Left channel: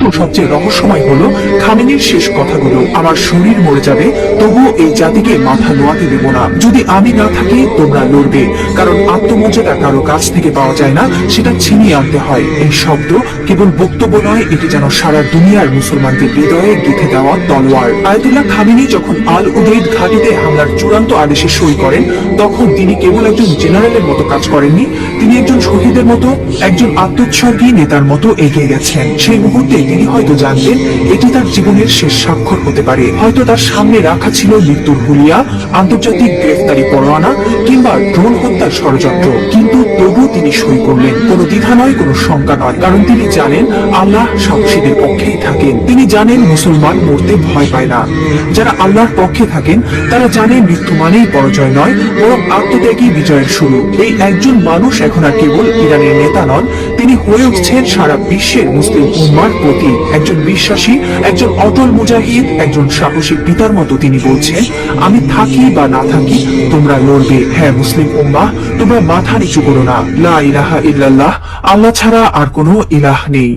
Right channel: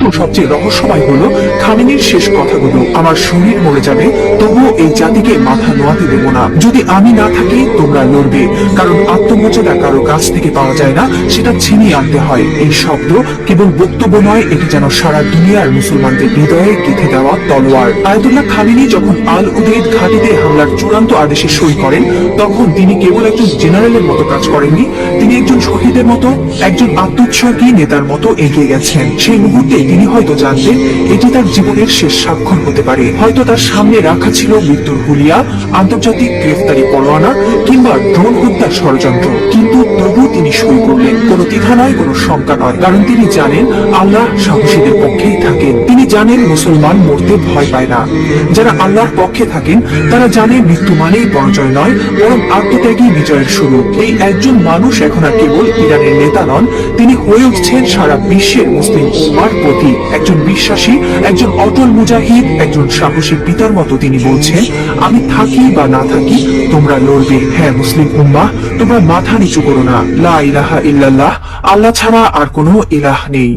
কিন্তু সবচেয়ে রহস্যময় হলো খামেনির শেষ কথাগুলো। আমার শরীর মরে যাবে, তবুও এই জাতিকে মাথা নোয়াতে দেব না। যদি আমি না থাকি তোমরা লড়বে, কারণ আত্মমর্যাদা কারো কাছ থেকে পাওয়া যায় না, সেটা ছিনিয়ে আনতে হয়। এই শব্দ কেবল বক্তব্য নয়, এটি যেন সারা দুনিয়ার মুসলমানদের হৃদয়ে গেঁথে দেওয়া তলোয়ার। আয়াতুল্লাহ খামেনি যখন আল উদৈদ ঘাঁটিতে হামলার চূড়ান্ত আদেশে সই করেন, তখন তিনি কেবল একজন জেনারেলের মতো কাজ করেননি, তিনি একজন শহীদের মতো, একজন আত্মোৎসর্গী নেতার মতো এগিয়ে গেছেন। সেই মুহূর্তে তিনি হয়তো জানতেন এটি তার জীবনের শেষ স্বাক্ষর হতে পারে। হয়তো তার সামনে রাখা ছিল মৃত্যুর হুলিয়া, আন্তর্জাতিক গ্রেফতারি পরোয়ানা কিংবা ড্রোন হত্যার ষড়যন্ত্র, কিন্তু তবু তিনি সই করলেন। কোনো দ্বিধা নয়, কোনো শঙ্কা নয়, কারণ তিনি জানেন আল্লাহ সাহসীদের পক্ষেই থাকেন। তিনি জানেন মুসলমান মরতে ভয় পায় না। যারা আল্লাহর পক্ষে থাকেন তারা জানে মৃত্যু মানেই পরাজয় নয়, বরং আত্মত্যাগী বিজয়ের শুরু। এই একজন মানুষ এখন আর কেবল ইরানের নেতা নন, তিনি হয়ে উঠছেন সারা বিশ্বের মুসলিম উম্মার প্রতি একজন বিশ্বাসী, একজন অটল মুজাহিদ, একজন সাহসী পিতার মতো। তিনি বলছেন, আমি থাকি বা না থাকি তোমরা লড়বে। হ্যাঁ মুসলিম উম্মাহ, তোমরা মাথা নিচু করো না। লা ইলাহা ইল্লাল্লাহ, আল্লাহ ছাড়া আর কোনো ইলাহ নেই।